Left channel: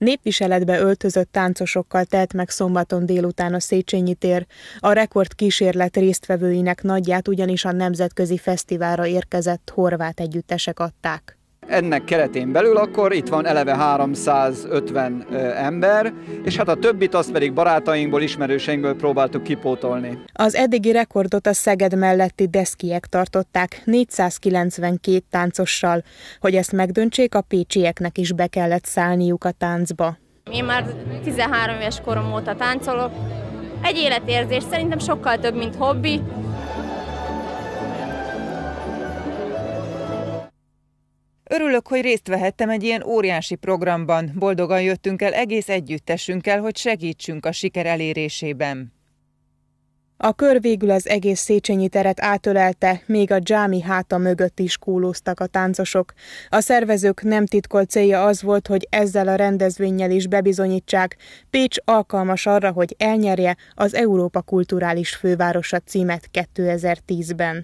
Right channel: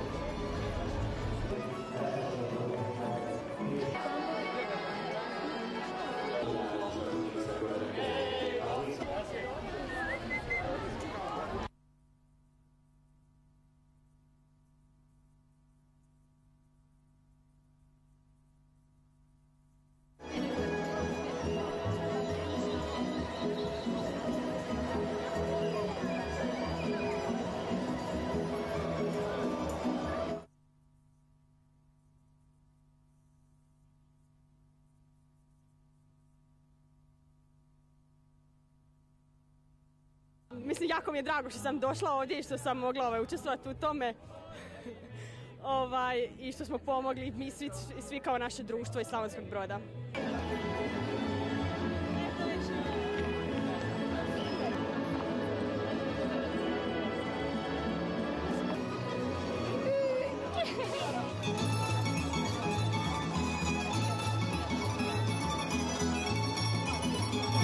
Népviseletbe öltözött táncosokkal telt meg szombaton délután a Széchenyi tér. A rekordkísérlet résztvevőinek nagyját ugyanis a nemzetközi fesztiválra érkezett horvát együttesek adták. Ennek keretén belül akkor itt van eleve 350 ember, és hát a többit azt pedig barátainkból, ismerőseinkből próbáltuk kipótolni. Az eddigi rekordot a Szeged melletti Deszkiek tartották 492 táncossal. Hogy ezt megdöntsék, a pécsieknek is be kellett szállniuk a táncba. Én már 13 éves korom óta táncolok. Egy életérzés, szerintem sokkal több, mint hobbi. Örülök, hogy részt vehettem egy ilyen óriási programban. Boldogan jöttünk el egész együttesünkkel, hogy segítsünk a siker elérésében. A kör végül az egész Széchenyi teret átölelte, még a dzsámi háta mögött is kúlóztak a táncosok. A szervezők nem titkolt célja az volt, hogy ezzel a rendezvénnyel is bebizonyítsák, Pécs alkalmas arra, hogy elnyerje az Európa Kulturális Fővárosa címet 2010-ben.